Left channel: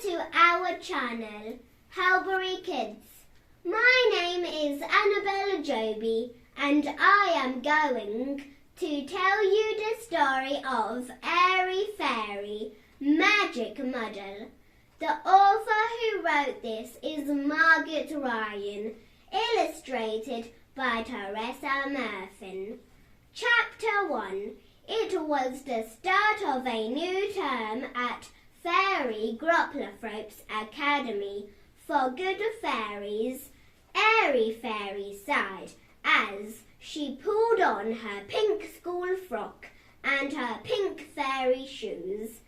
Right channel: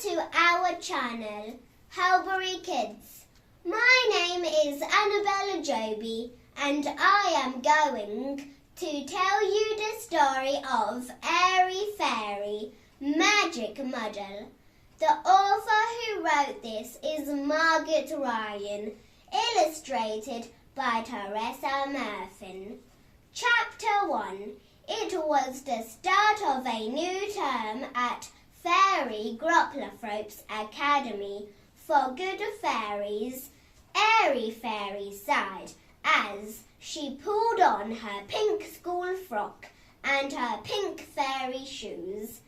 to our channel, Helbury Kids. My name is Annabel Joby and I am going to tell you the story of Airy Fairy Magic Muddle. The author who wrote this is Margaret Ryan, illustrated by Teresa Murphy. Chapter 1. It was the start of a new term at Fairy Gropplerthrope's Academy for Good Fairies. Airy Fairy sighed as she pulled on her pink school frock and her pink fairy shoes.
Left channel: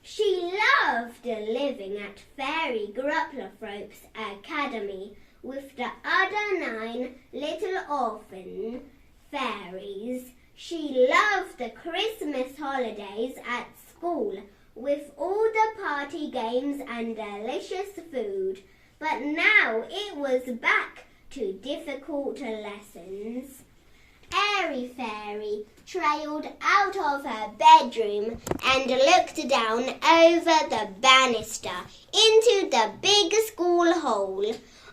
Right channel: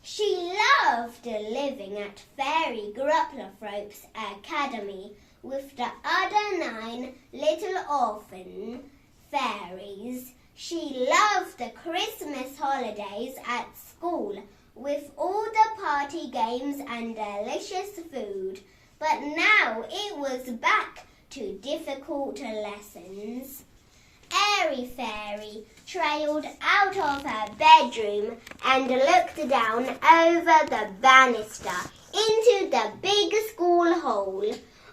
She loved living at Fairy Gropplerthrope's Academy with the other 9 little orphan fairies. She loved the Christmas holidays at school with all the party games and delicious food. But now it was back to difficult lessons. Airy Fairy trailed out of her bedroom and looked down over the banister into the big school hall.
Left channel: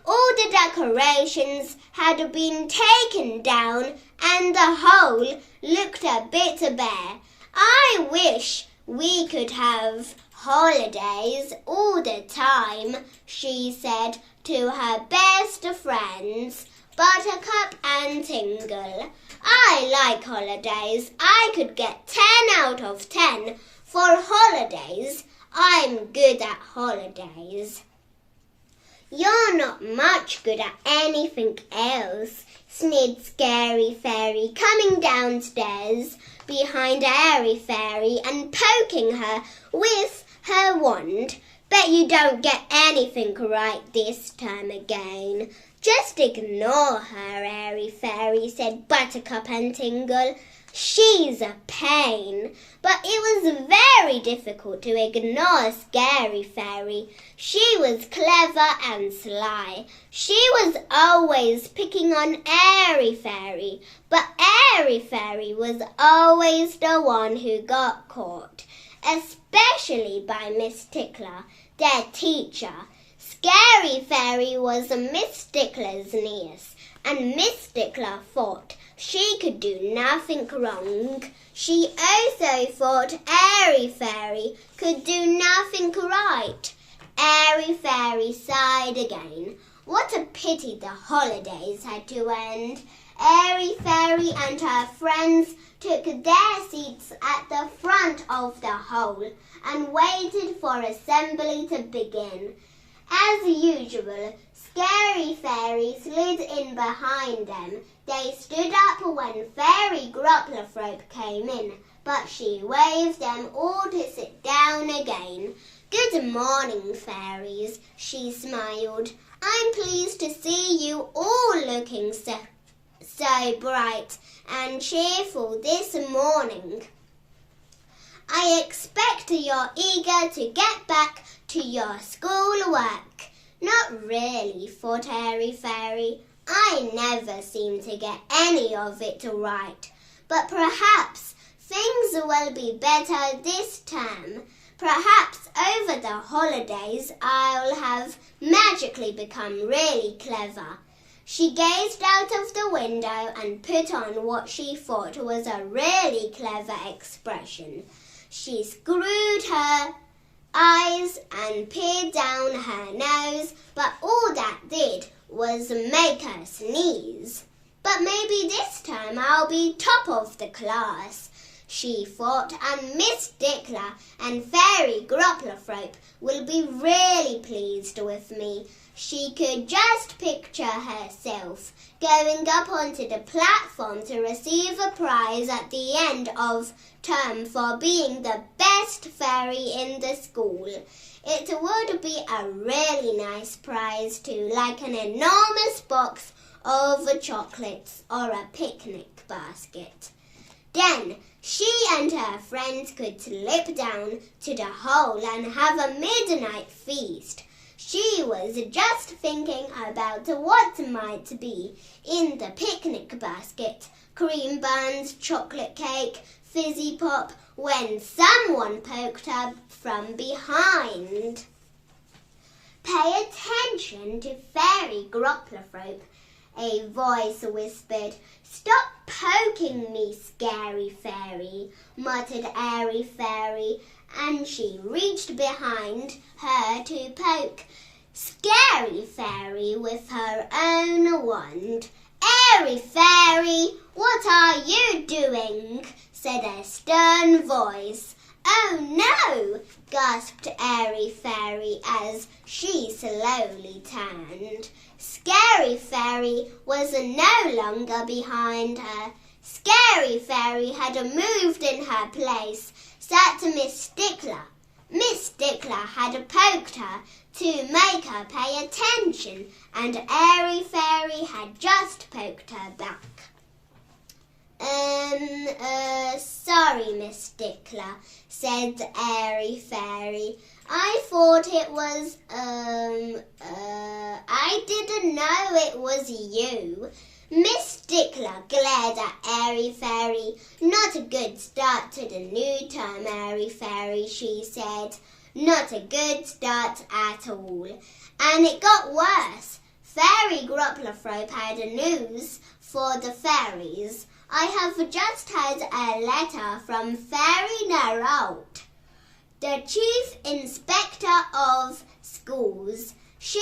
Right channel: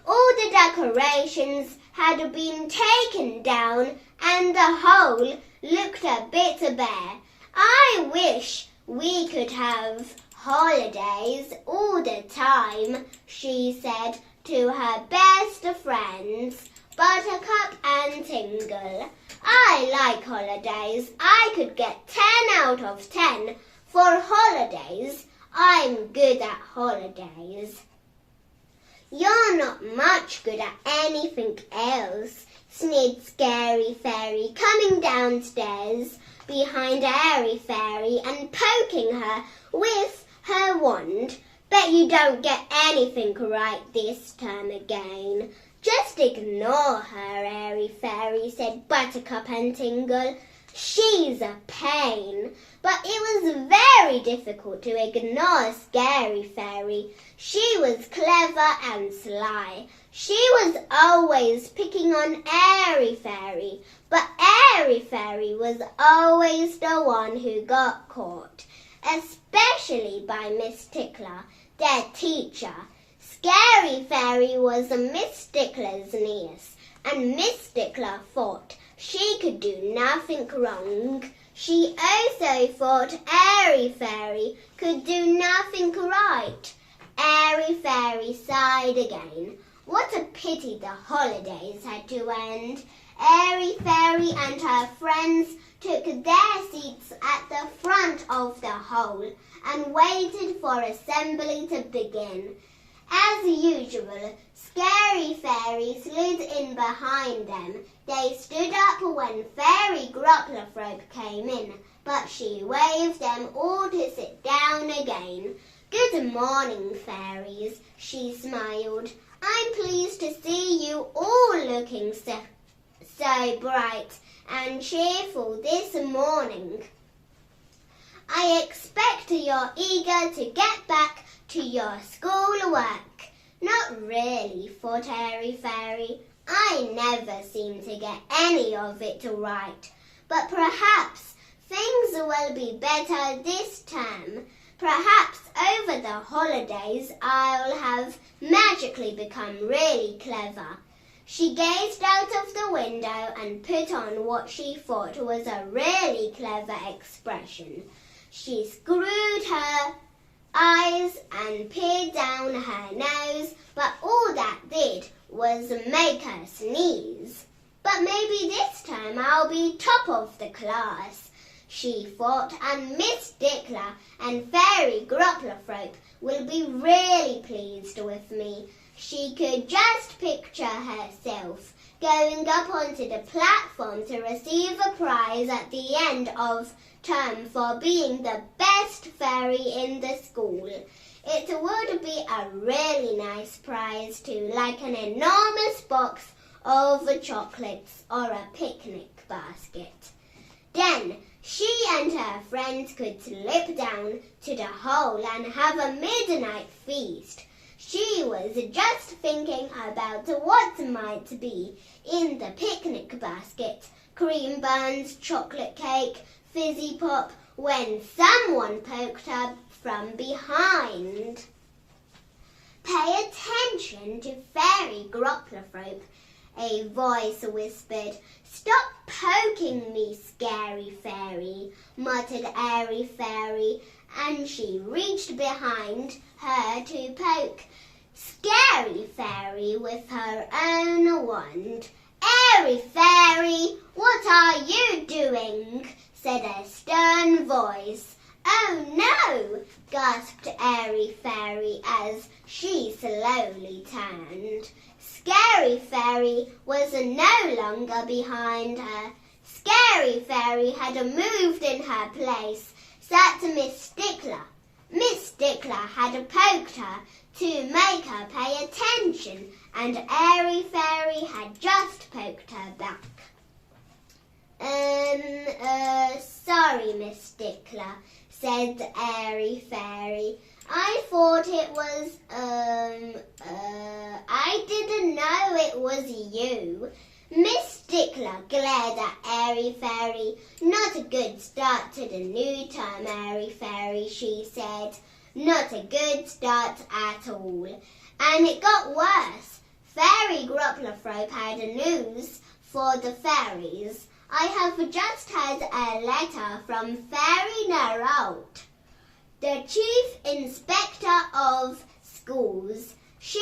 All the decorations had been taken down and the hole looked a bit bare. I wish we could have holidays all the time, she said to her best friends, Buttercup and Tingle. I like holidays. I could get 10 out of 10 for holidays. I'm good at holidays. You're not much good at anything else, sneered Scary Fairy, coming downstairs behind Airy Fairy and poking her with her wand. Bet you don't get anything right this time again. Just ignore her, Airy Fairy, said Buttercup and Tingle. She's a pain. But it was very difficult to ignore Scary Fairy. She was clever and sly. She was always picking on Airy Fairy, but Airy Fairy was always the one who got caught, especially by Miss Tickler, their teacher. Scary Fairy was Miss Tickler's niece, and Miss Tickler thought she could do nothing wrong. She also thought Airy Fairy could do nothing right. Airy Fairy sighed again. What a pity the holidays had to end. Airy Fairy and her friends took their seats at the front of the hole and waited for assembly to begin. As usual, Scary Fairy slid in behind them. They stood up when Fairy Gropplerthrope came in, but she waved them all to sit down again. Good morning, fairies, she smiled. I'm pleased to see you all looking so bright and cheerful this morning. I expect you're eager to get back to your schoolwork. Not really, thought Airy Fairy. I never seem to get any of it right. But perhaps things will be better this term. Perhaps over the holidays I'll have magically become really clever. She gazed out of the window and put on what she thought was a really clever expression. She screwed her eyes and peered down her nose, but all that did was make her sneeze. But maybe this time I'll be top of the class, she thought, and Miss Tickler and Fairy Gropplerthrope will be really pleased with me. She could just picture herself going up onto the platform to receive a prize at the end of term for being the best fairy in the school. It would be a really nice prize too, like an enormous box of chocolates or a picnic basket. Then she and her friends could slip down to the hole and have a midnight feast. She was just thinking about what might be in the picnic basket, cream buns, chocolate cake, fizzy pop, when someone poked her from behind. Pay attention to Fairy Gropplerthrope, a voice whispered. Stop poking me, Scary Fairy, muttered Airy Fairy, and she reached behind her to poke Scary Fairy with her own wand. Airy Fairy, what are you doing? Said a stern voice. Oh no, gasped Airy Fairy as she slowly turned. Scary Fairy was no longer behind her. Scary Fairy had moved in her place, sat Miss Stickler. Miss Stickler had poked her to make her pay attention, and Airy Fairy had just poked her back. Sorry, Miss Stickler, said Airy Fairy. I thought it was, I didn't know it was you. Miss Stickler glared at Airy Fairy. Not a good start to the new term, Airy Fairy, she said. Not a good start at all. And it got worse. Fairy Gropplerthrope had news for the fairies. I have just had a letter from Fairy Nerolt, the Chief Inspector of Schools. She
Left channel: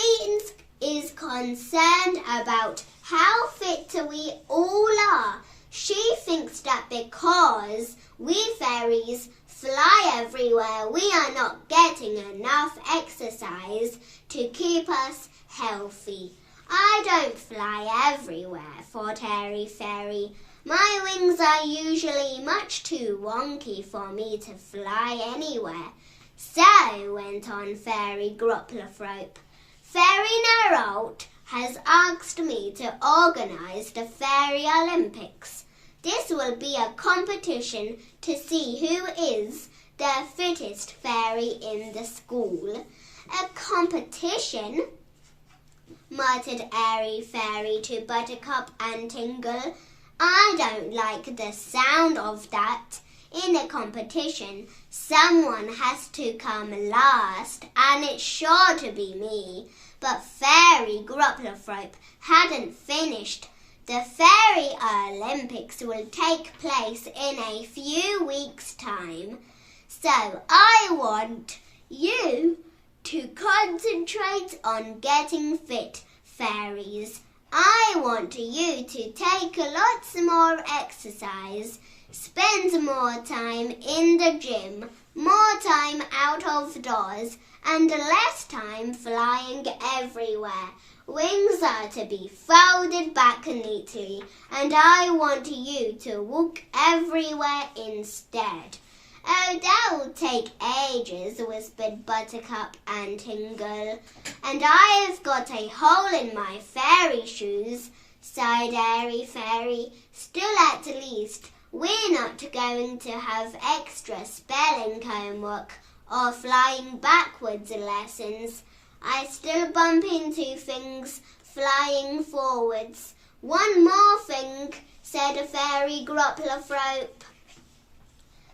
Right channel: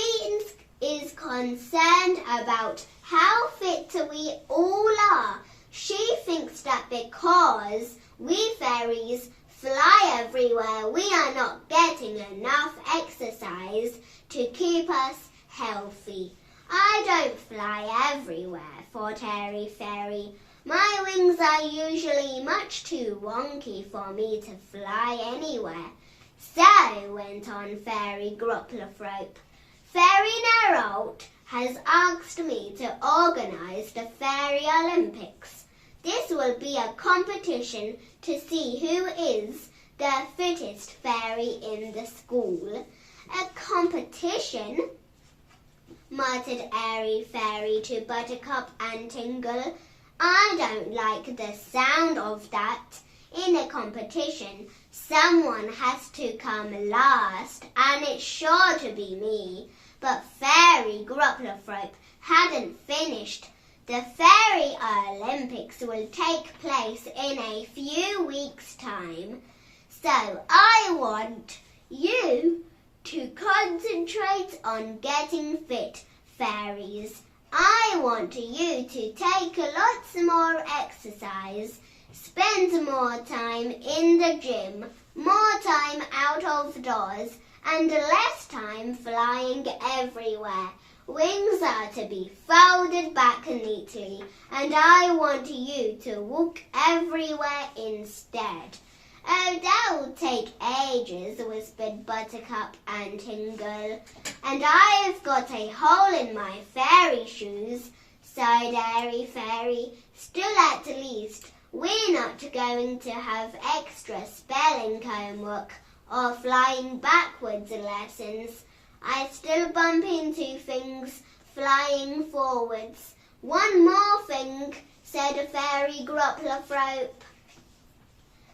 is concerned about how fit we all are. She thinks that because we fairies fly everywhere, we are not getting enough exercise to keep us healthy. I don't fly everywhere, thought Airy Fairy. My wings are usually much too wonky for me to fly anywhere. So, went on Fairy Gropplerthrope, Fairy Nerolt has asked me to organise the Fairy Olympics. This will be a competition to see who is the fittest fairy in the school. A competition? Muttered Airy Fairy to Buttercup and Tingle. I don't like the sound of that. In a competition, someone has to come last, and it's sure to be me. But Fairy Gropplerthrope hadn't finished. The Fairy Olympics will take place in a few weeks' time. So I want you to concentrate on getting fit, fairies. I want you to take lots more exercise, spend more time in the gym, more time out of doors, and less time flying everywhere. Wings are to be folded back neatly, and I want you to walk everywhere instead. Oh, that will take ages, whispered Buttercup and Tingle. And I've got a hole in my fairy shoes, sighed Airy Fairy. Still, at least, we're not going to have extra spelling homework or flying backwards lessons. I still bump into things flying forwards. One more thing, said Fairy Gropplerthrope.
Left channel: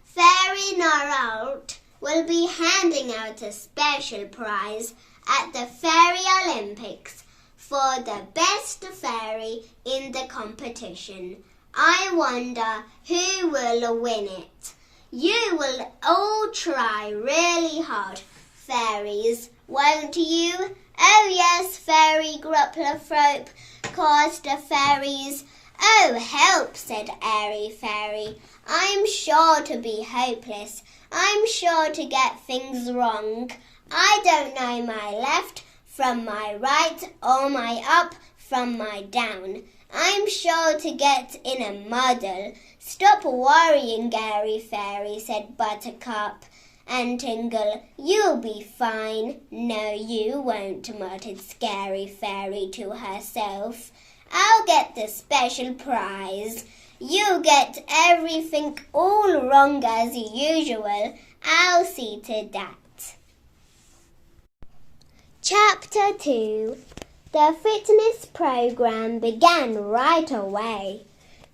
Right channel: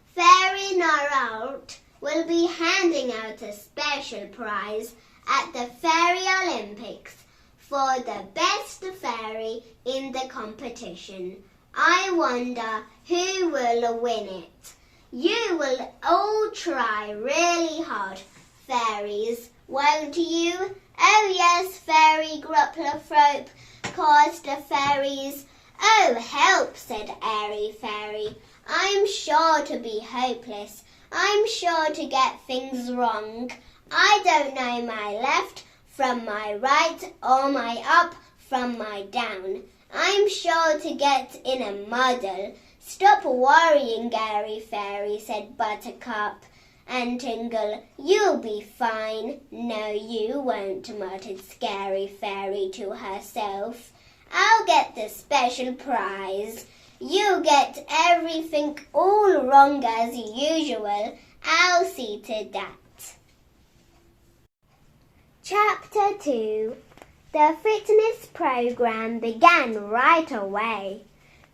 Fairy Nerolt will be handing out a special prize at the Fairy Olympics for the best fairy in the competition. I wonder who will win it. You will all try really hard, fairies, won't you? Oh yes, Fairy Gropplerthrope, chorused the fairies. Oh, help, said Airy Fairy. I'm sure to be hopeless. I'm sure to get things wrong. I don't know my left from my right or my up from my down. I'm sure to get in a muddle. Stop worrying, Airy Fairy, said Buttercup and Tingle. You'll be fine. No, you won't, muttered Scary Fairy to herself. I'll get the special prize. You get everything all wrong as usual. I'll see to that. Chapter 2. The fitness program began right away.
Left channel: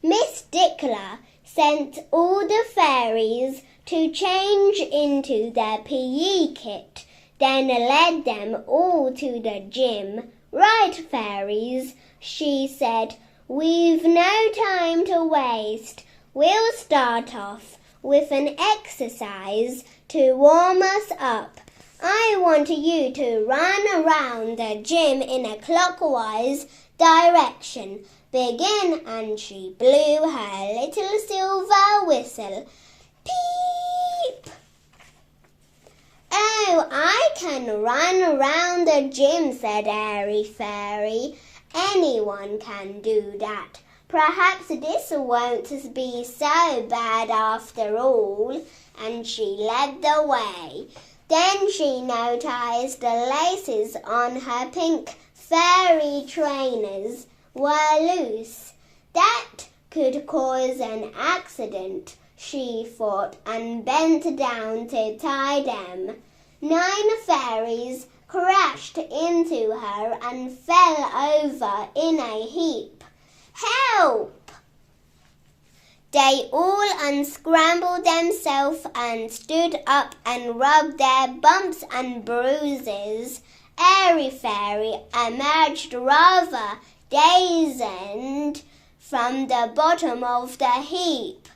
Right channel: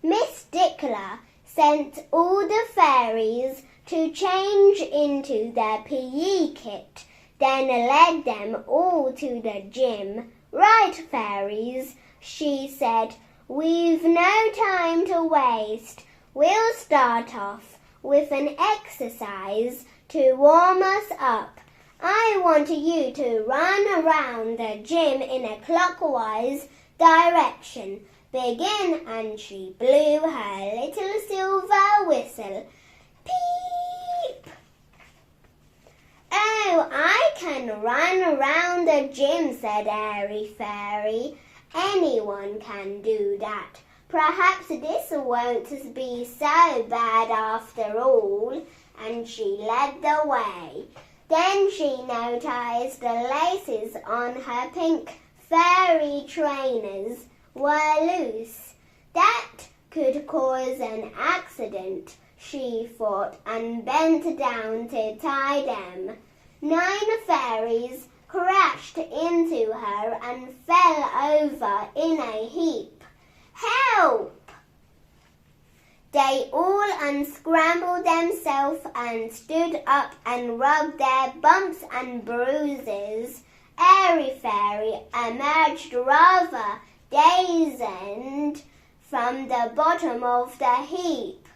Miss Stickler sent all the fairies to change into their PE kit then led them all to the gym. "Right, fairies," she said, "we've no time to waste. We'll start off with an exercise to warm us up. I want you to run around the gym in a clockwise direction. Begin," and she blew her little silver whistle. Peep! "Oh, I can run around the gym," said Airy Fairy. "Anyone can do that. Perhaps this won't be so bad after all." And she led the way. Then she noticed the laces on her pink fairy trainers were loose. That could cause an accident, she thought, and bent down to tie them. 9 fairies crashed into her and fell over in a heap. "Help!" They all unscrambled themselves and stood up and rubbed their bumps and bruises. Airy Fairy emerged rather dazed from the bottom of the heap.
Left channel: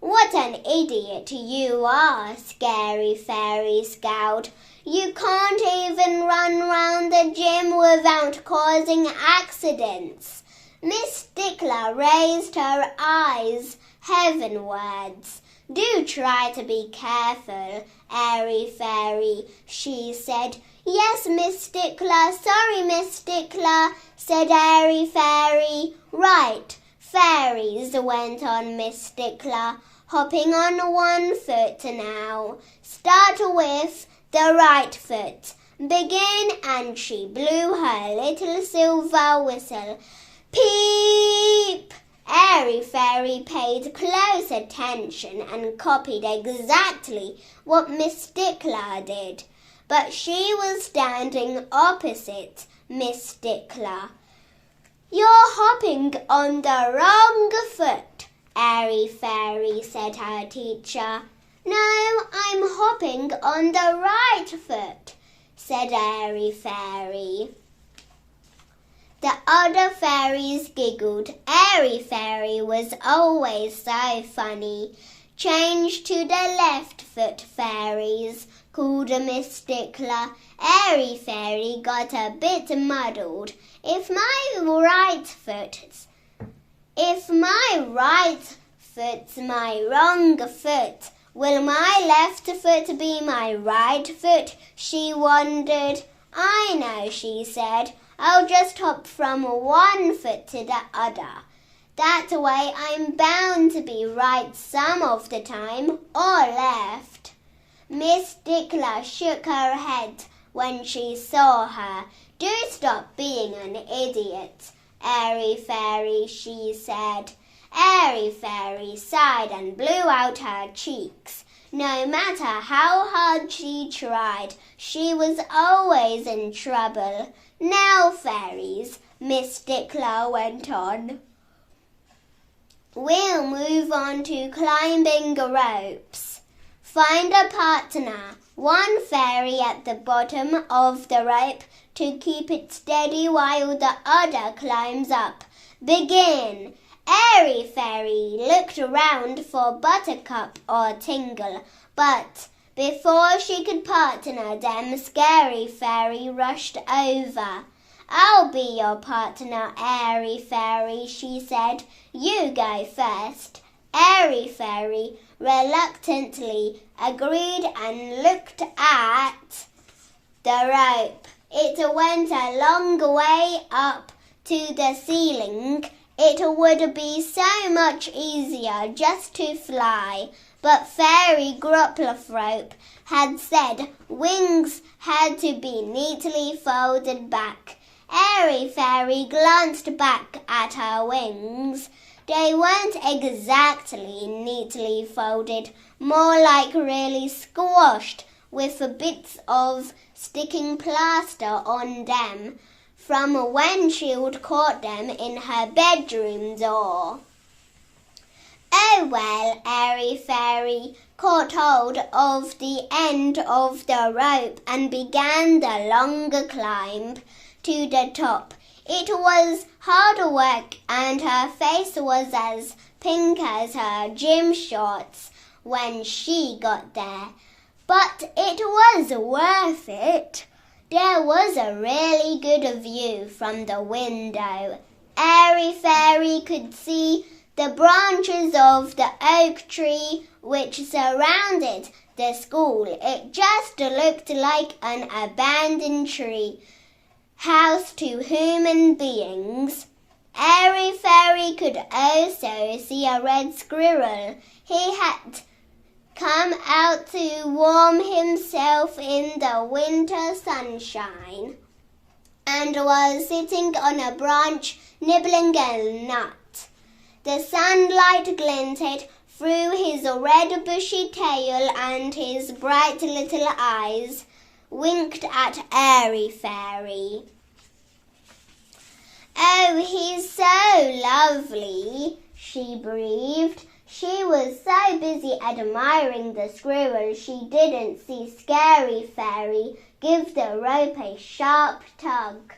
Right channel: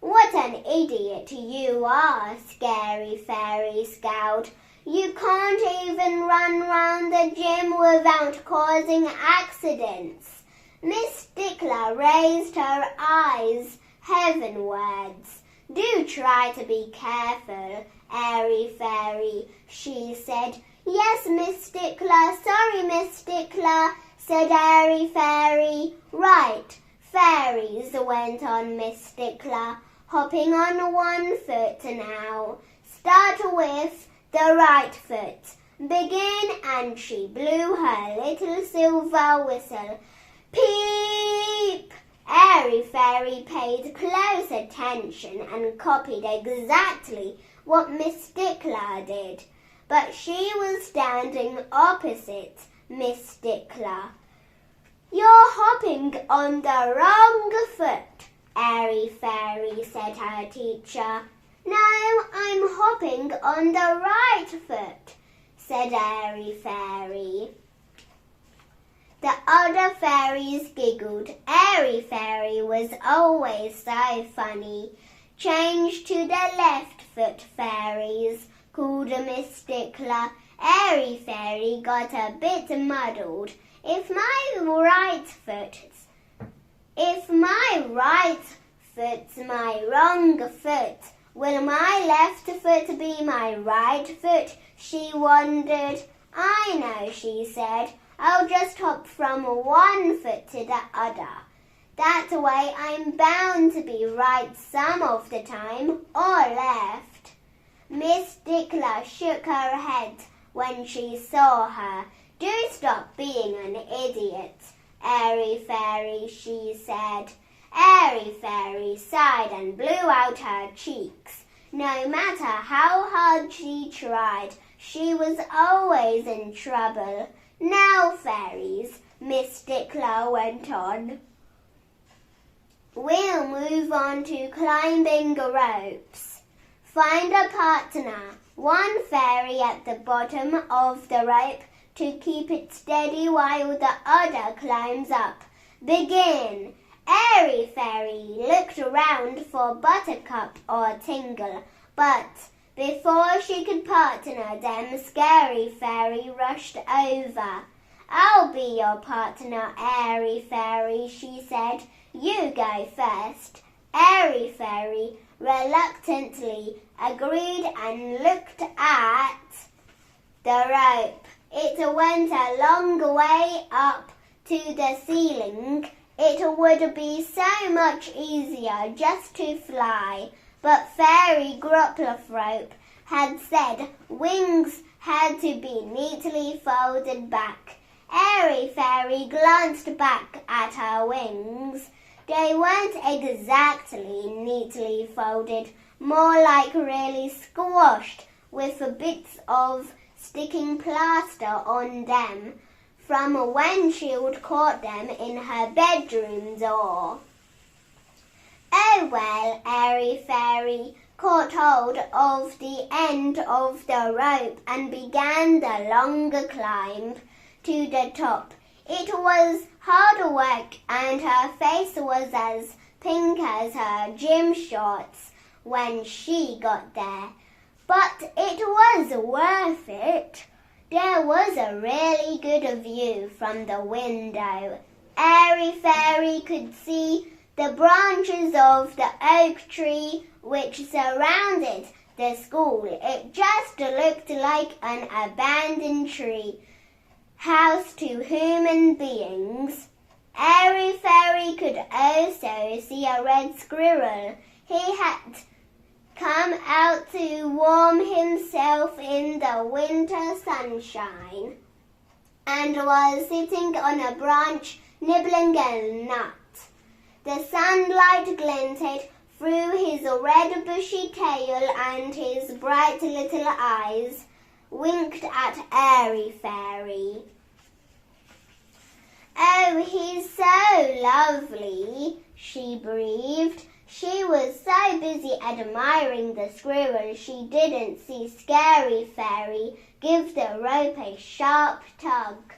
"What an idiot you are," Scary Fairy scowled. "You can't even run round the gym without causing accidents." Miss Stickler raised her eyes heavenwards. "Do try to be careful, Airy Fairy," she said. "Yes, Miss Stickler. Sorry, Miss Stickler," said Airy Fairy. "Right, fairies," went on Miss Stickler, hopping on one foot now. "Start with the right foot. Begin," and she blew her little silver whistle. Peep! Airy Fairy paid close attention and copied exactly what Miss Stickler did. But she was standing opposite Miss Stickler. "You're hopping on the wrong foot," Airy Fairy said her teacher. "No, I'm hopping on the right foot," said Airy Fairy. The other fairies giggled. Airy Fairy was always so funny. "Change to the left foot, fairies," called Miss Stickler. Airy Fairy got a bit muddled. If my right foot's my wrong foot, will my left foot be my right foot?" she wondered. "I know," she said. "I'll just hop from one foot to the other. That way I'm bound to be right some of the time, or left." Miss Stickler shook her head when she saw her. "Do stop being an idiot, Airy Fairy," she said. Airy Fairy sighed and blew out her cheeks. No matter how hard she tried, she was always in trouble. "Now, fairies," Miss Stickler went on, "we'll move on to climbing ropes. Find a partner, one fairy at the bottom of the rope to keep it steady while the other climbs up. Begin." Airy Fairy looked around for Buttercup or Tingle, but before she could partner them, Scary Fairy rushed over. "I'll be your partner, Airy Fairy," she said. "You go first." Airy Fairy reluctantly agreed and looked at the rope. It went a long way up to the ceiling. It would be so much easier just to fly, but Fairy Groplethrope had said wings had to be neatly folded back. Airy Fairy glanced back at her wings. They weren't exactly neatly folded, more like really squashed with bits of sticking plaster on them from when she'd caught them in her bedroom door. "Oh well," Airy Fairy caught hold of the end of the rope and began the longer climb to the top. It was hard work and her face was as pink as her gym shorts when she got there. But it was worth it. There was a really good view from the window. Airy Fairy could see the branches of the oak tree which surrounded the school. It just looked like an abandoned tree house to human beings. Airy Fairy could also see a red squirrel. He had come out to warm himself in the winter sunshine and was sitting on a branch nibbling a nut. The sunlight glinted through his red bushy tail and his bright little eyes winked at Airy Fairy. "Oh, he's so lovely," she breathed. She was so busy admiring the squirrel she didn't see Scary Fairy give the rope a sharp tug.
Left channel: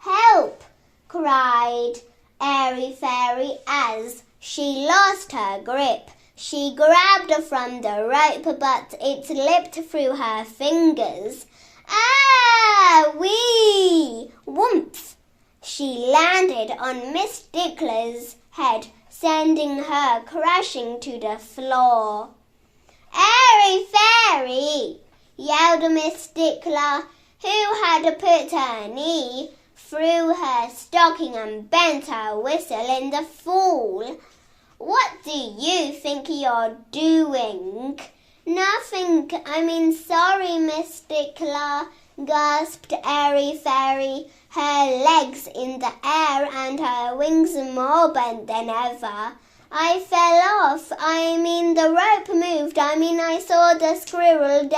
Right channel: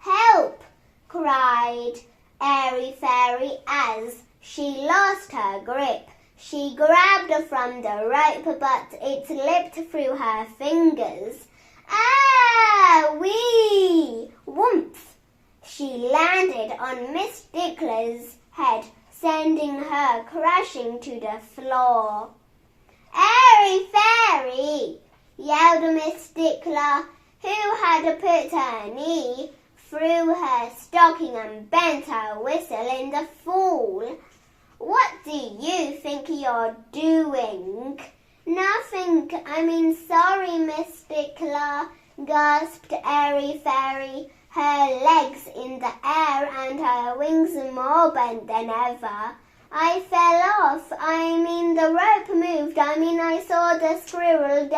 "Help!" cried Airy Fairy as she lost her grip. She grabbed from the rope, but it slipped through her fingers. "Ah, wee! Whoomph!" She landed on Miss Stickler's head, sending her crashing to the floor. "Airy Fairy!" yelled Miss Stickler, who had put her knee through her stocking and bent her whistle in the fall. "What do you think you're doing?" "Nothing, sorry, Miss Stickler," gasped Airy Fairy, her legs in the air and her wings more bent than ever. "I fell off. The rope moved. I saw the squirrel.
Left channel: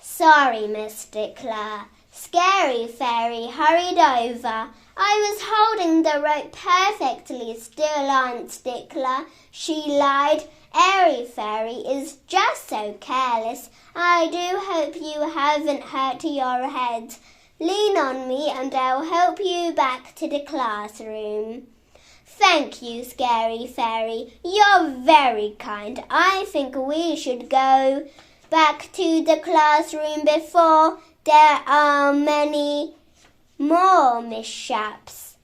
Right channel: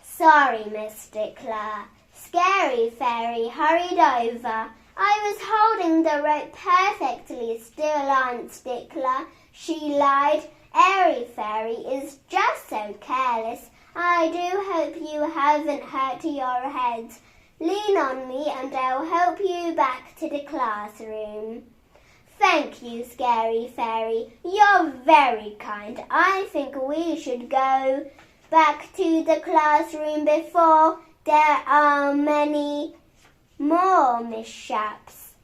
Sorry, Miss Stickler." Scary Fairy hurried over. "I was holding the rope perfectly still, Aunt Stickler," she lied. "Airy Fairy is just so careless. I do hope you haven't hurt your head. Lean on me and I'll help you back to the classroom." "Thank you, Scary Fairy. You're very kind. I think we should go back to the classroom before there are many more mishaps."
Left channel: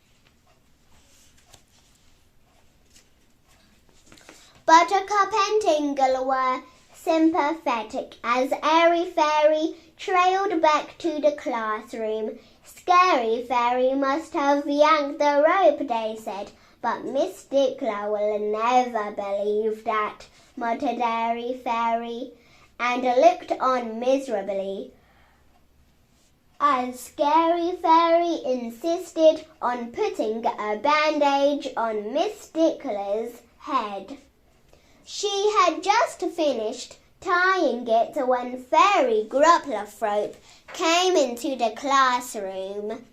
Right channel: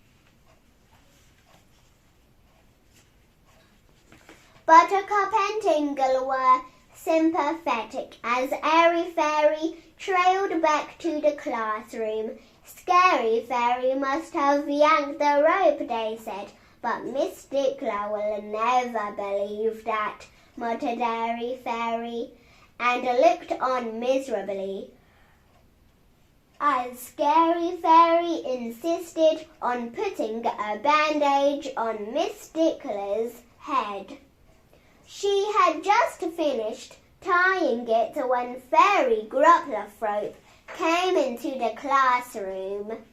Buttercup and Tingle were sympathetic as Airy Fairy trailed back to the classroom. "Scary Fairy must have yanked the rope," they said. "But Miss Stickler will never believe that," muttered Airy Fairy, and looked on miserably as Scary Fairy insisted on putting a bandage on Miss Stickler's head. She had just finished tying it when Fairy Grupplethrope came into the classroom.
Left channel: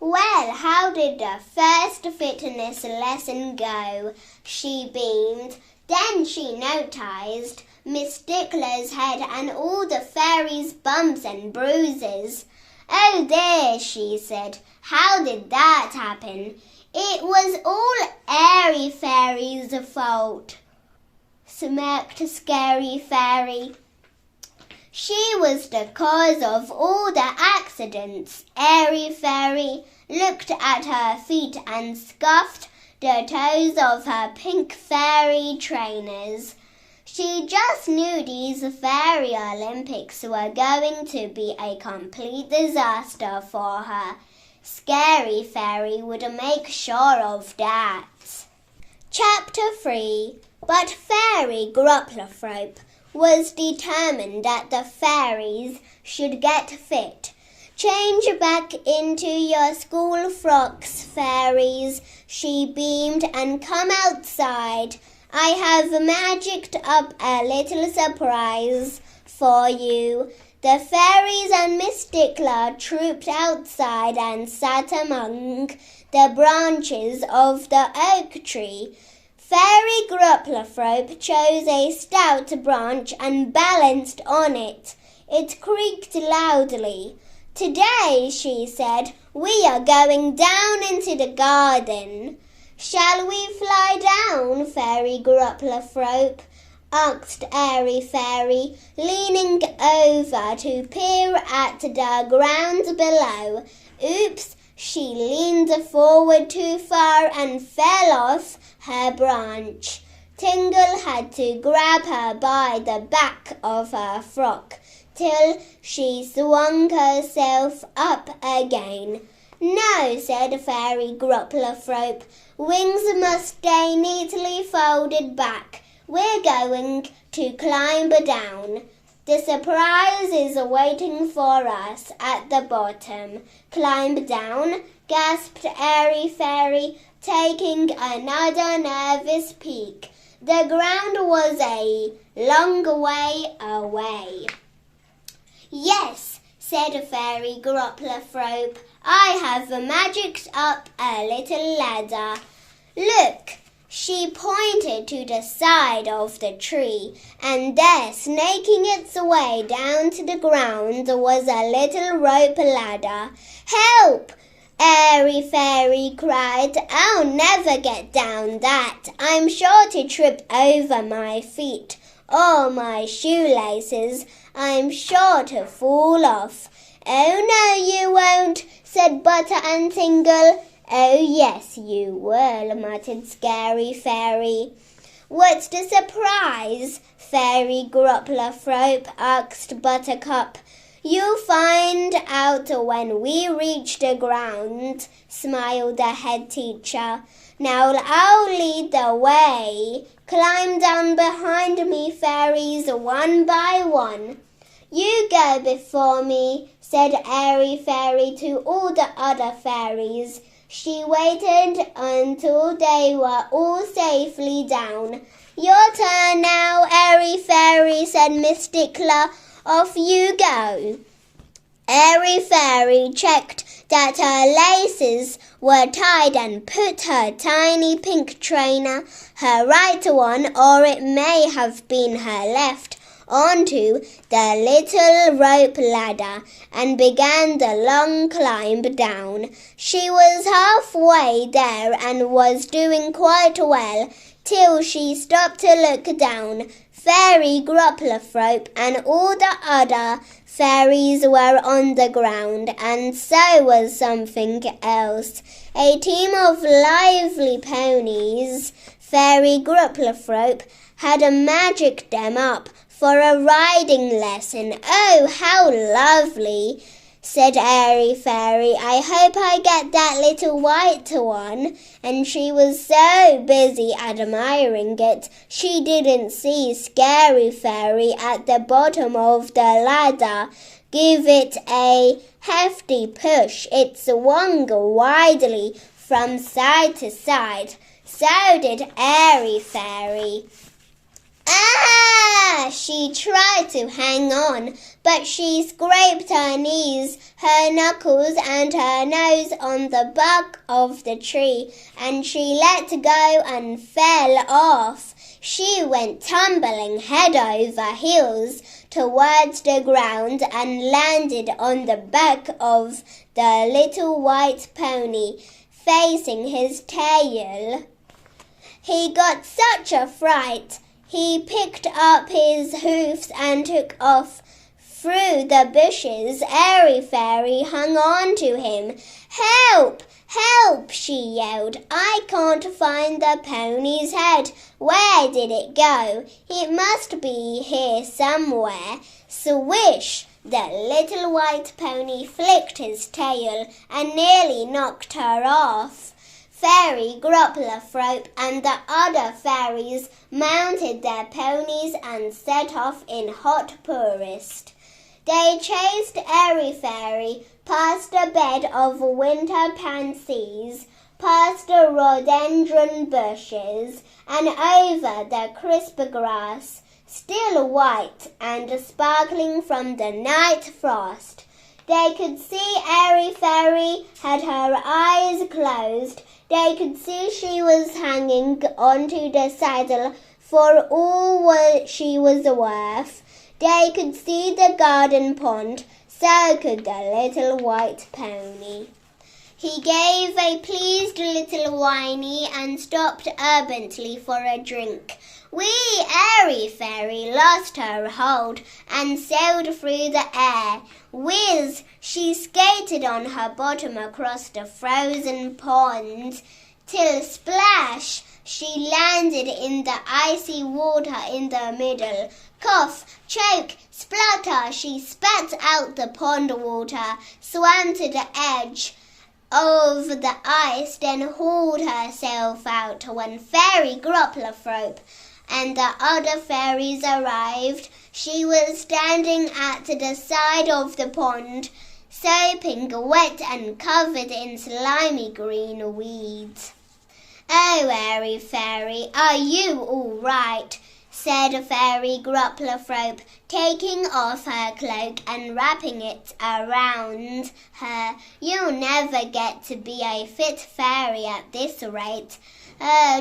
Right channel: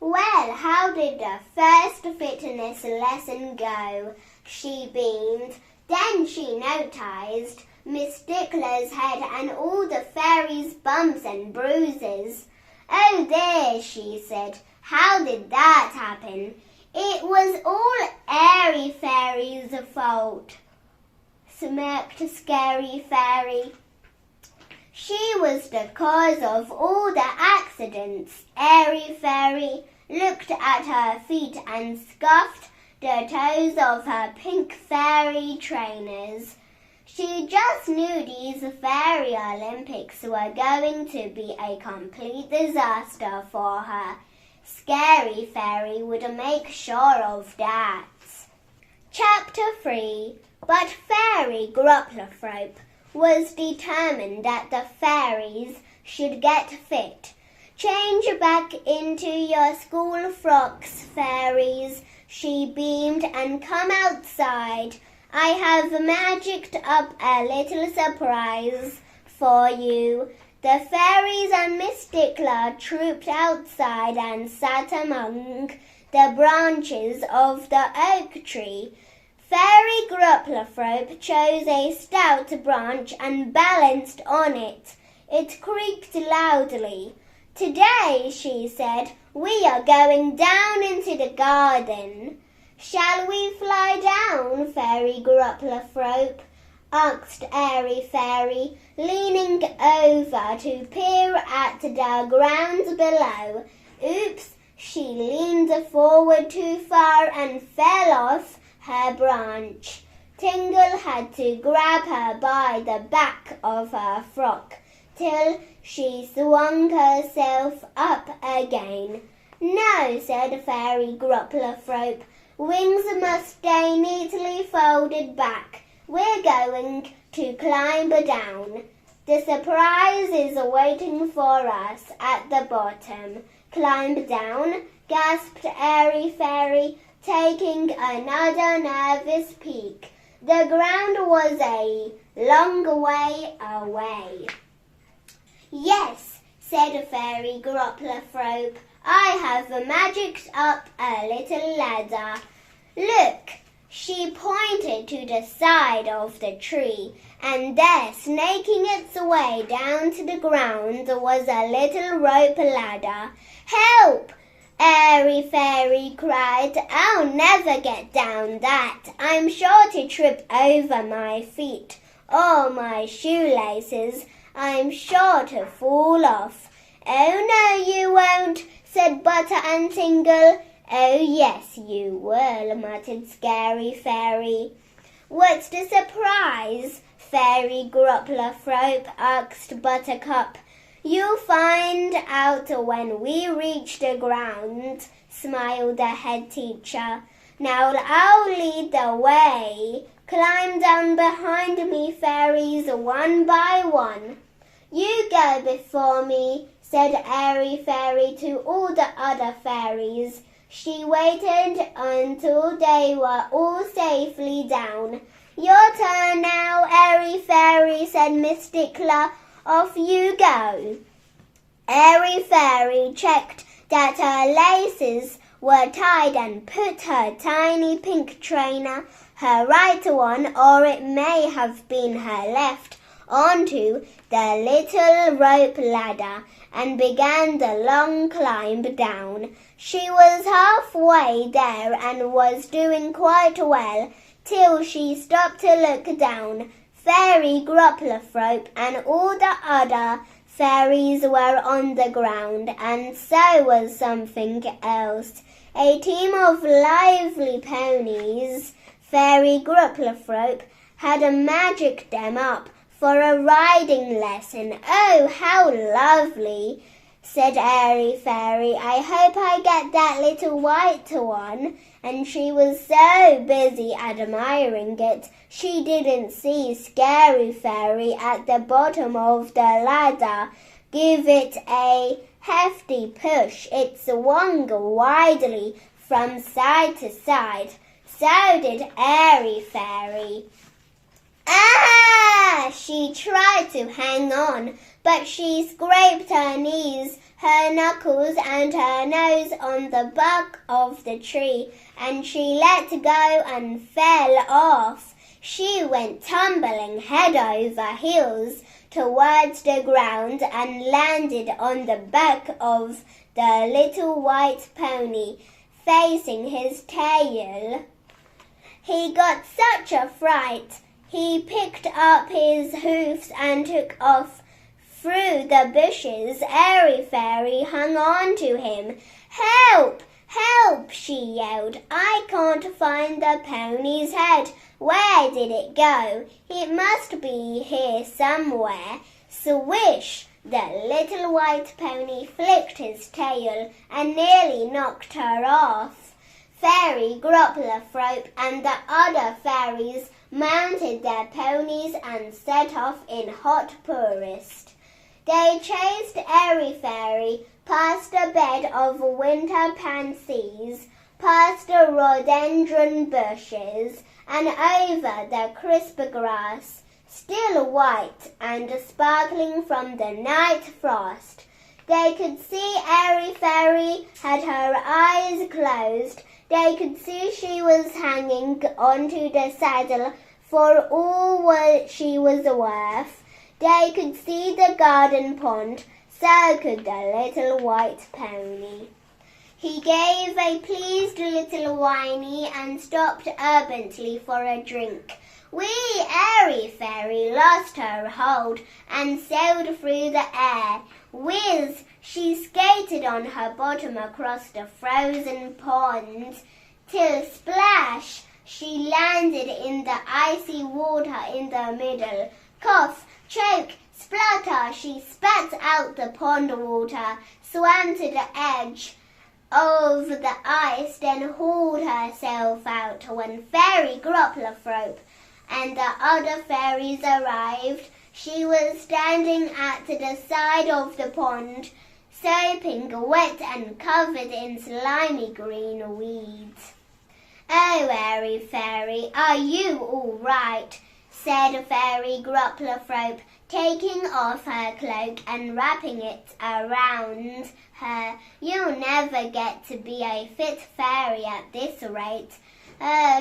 "Well, how did the first fitness lesson go?" she beamed. Then she noticed Miss Stickler's head and all the fairies' bumps and bruises. "Oh dear," she said. "How did that happen?" "It was all Airy Fairy's fault," smirked Scary Fairy. "She was the cause of all the accidents." Airy Fairy looked at her feet and scuffed the toes of her pink fairy trainers. She just knew these Fairy Olympics were going to be a complete disaster for her. Scary Fairy would make sure of that. Chapter 3. But Fairy Grupplethrope was determined that the fairies should get fit. "Change back into your school frocks, fairies," she beamed, "and come outside. I have magicked up a little surprise for you." The fairies and Miss Stickler trooped outside and sat among the branches of the oak tree. Fairy Grupplerthrope chose a stout branch and balanced on it. It creaked loudly. "Today," she said, "we are going down into the garden." "Shall we fly down, Fairy Grupplerthrope?" asked Airy Fairy, leaning over to peer at the ground below. Oops! She leaned forward too far and fell off her branch. Tingle had to grab her by the back of her frock till she swung herself up again. "No," said Fairy Grupplerthrope, "wings must stay neatly folded back. We're going to climb down. The surprise is waiting for us at the bottom." "Climb down?" gasped Airy Fairy, taking another nervous peek. The ground was a long way away. "Yes," said Fairy Grupplerthrope, "I have magicked up a little ladder. Look!" She pointed to the side of the tree, and there, snaking its way down to the ground, was a little rope ladder. "Help!" Airy Fairy cried. "I'll never get down that. I'm sure to trip over my feet or my shoelaces. I'm sure to fall off." "Oh, no, you won't," said Butter and Tingle. "Oh, yes, you will," muttered Scary Fairy. "What's the surprise?" Fairy Grupplerthrope asked Buttercup. "You'll find out when we reach the ground," smiled the head teacher. "Now I'll lead the way. Climb down behind me, fairies, one by one." "You go before me," said Airy Fairy to all the other fairies. She waited until they were all safely down. "Your turn now, Airy Fairy," said Miss Stickler. "Off you go." Airy Fairy checked that her laces were tied and put her tiny pink trainer, her right one, or it may have been her left, onto the little rope ladder and began the long climb down. She was halfway there and was doing quite well till she stopped to look down. Fairy Grupplerthrope and all the other fairies were on the ground, and so was something else. A team of lively ponies. Fairy Grupplerthrope had magicked them up for a riding lesson. "Oh, how lovely," said Airy Fairy. "I hope I get that little white one." And she was so busy admiring it, she didn't see Scary Fairy at the bottom of the ladder give it a hefty push. It swung widely from side to side. So did Airy Fairy. "Ah!" She tried to hang on, but she scraped her knees, her knuckles and her nose on the bark of the tree, and she let go and fell off. She went tumbling head over heels towards the ground and landed on the back of the little white pony, facing his tail. He got such a fright. He picked up his hoofs and took off through the bushes. Airy Fairy hung on to him. "Help! Help!" she yelled. "I can't find the pony's head. Where did it go? It must be here somewhere." Swish! The little white pony flicked his tail and nearly knocked her off. Fairy Grupplerthrope and the other fairies mounted their ponies and set off in hot pursuit. They chased Airy Fairy past a bed of winter pansies, past the rhododendron bushes, and over the crisp grass, still white and sparkling from the night frost. They could see Airy Fairy had her eyes closed. They could see she was hanging onto the saddle for all she was worth. They could see the garden pond, so could the little white pony. He gave a pleased little whinny and stopped urgently for a drink. Wee Airy Fairy lost her hold and sailed through the air. Whiz! She skated on her bottom across the frozen pond, till splash! She landed in the icy water in the middle. Cough, choke, splutter! She spat out the pond water, swam to the edge of the ice, then hauled herself out when Fairy Gropplerthrope and the other fairies arrived. She was standing at the side of the pond, soaping wet and covered in slimy green weeds. "Oh, Airy Fairy, are you all right?" said Fairy Gropplerthrope, taking off her cloak and wrapping it around her. "You'll never get to be a fit fairy at this rate.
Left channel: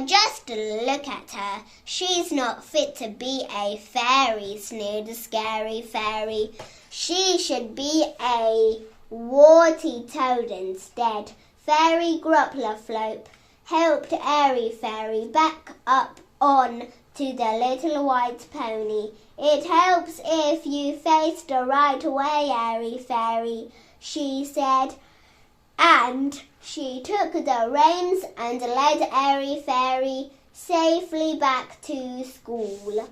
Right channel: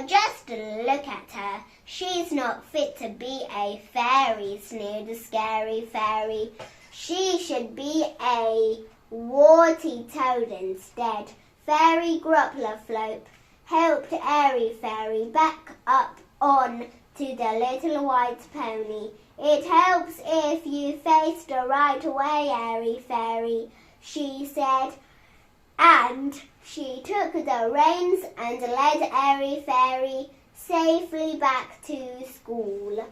Just look at her. She's not fit to be a fairy," sneered Scary Fairy. "She should be a warty toad instead." Fairy Gropplerthrope helped Airy Fairy back up on to the little white pony. "It helps if you face the right way, Airy Fairy," she said, and she took the reins and led Airy Fairy safely back to school.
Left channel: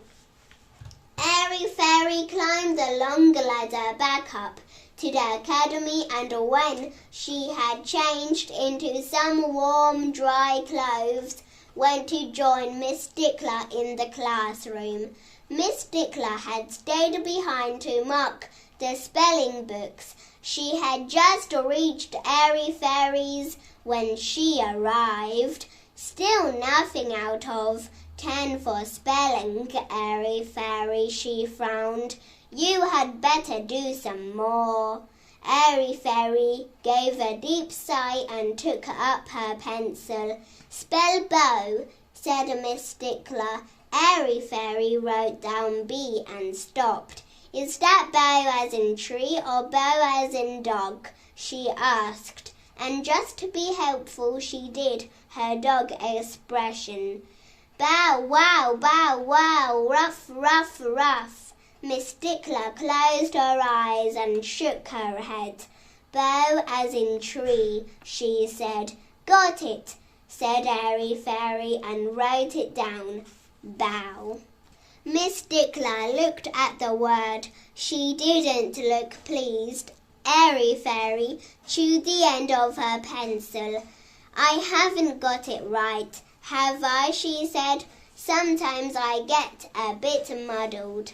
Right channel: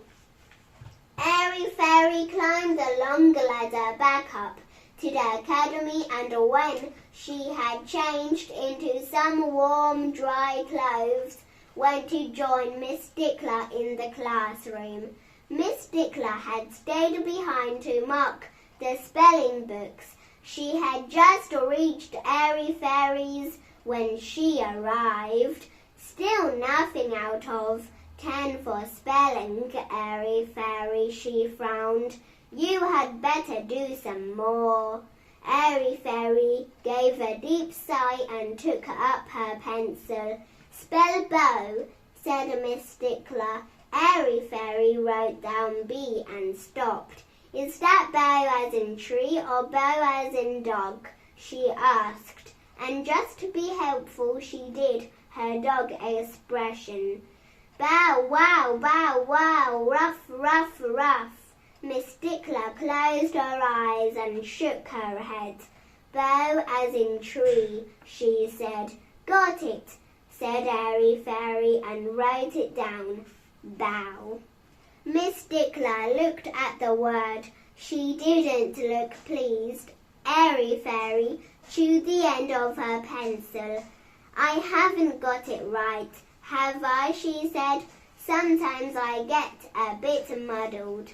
Airy Fairy climbed the long ladder back up to the academy, and when she had changed into some warm, dry clothes, went to join Miss Stickler in the classroom. Miss Stickler had stayed behind to mark the spelling books. She had just reached Airy Fairy's when she arrived. "Still nothing out of 10 for spelling, Airy Fairy," she frowned. "You had better do some more." Airy Fairy gave a deep sigh and took up her pencil. "Spell bow," said Miss Stickler. Airy Fairy wrote down B and stopped. "Is that bow as in tree or bow as in dog?" she asked. And just to be helpful, she did her dog expression. "Bow wow, ruff, ruff, ruff." Miss Stickler closed her eyes and shook her head. "Bow as in tree," she said. "Got it," said Airy Fairy and wrote it down. Bow. Miss Stickler looked at the word. She didn't look pleased. Airy Fairy chewed the end of her pencil. "I haven't got it right, have I?" she said. "Sometimes I get a bit muddled."